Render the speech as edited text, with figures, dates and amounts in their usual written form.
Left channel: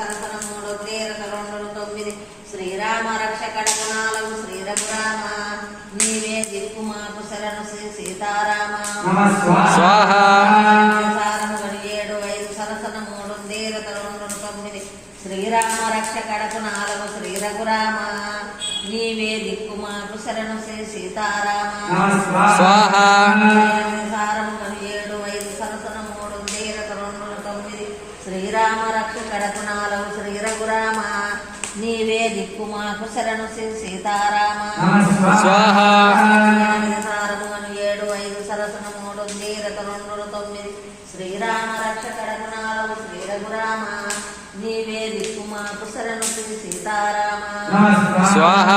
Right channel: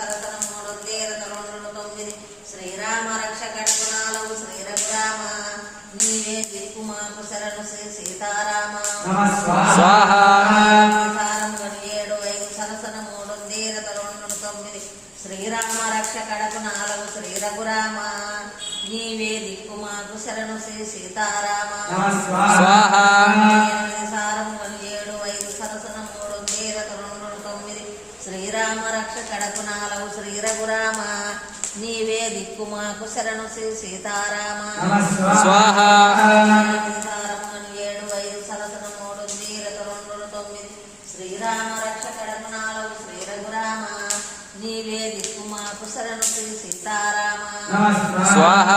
సరసన 3 తేరత 2 9 శ్రీరామ రక్ష కడకు 4 శ్రీ రఘురామ నీవే దిక్కు మాకు శరణు శ్రీ సీతారామ స్వాహ 7 5 సరసన 3 తేరత 2 9 శ్రీరామ రక్ష కడకు 4 శ్రీ రఘురామ నీవే దిక్కు మాకు శరణు శ్రీ సీతారామ స్వాహ 7 5 సరసన 3 తేరత 2 9 శ్రీరామ రక్ష కడకు 4 శ్రీ రఘురామ నీవే దిక్కు మాకు శరణు శ్రీ సీతారామ స్వాహ 7 5 సరసన 3 తేరత 2 9 శ్రీరామ రక్ష కడకు 4 శ్రీ రఘురామ నీవే దిక్కు మాకు శరణు శ్రీ సీతారామ స్వాహ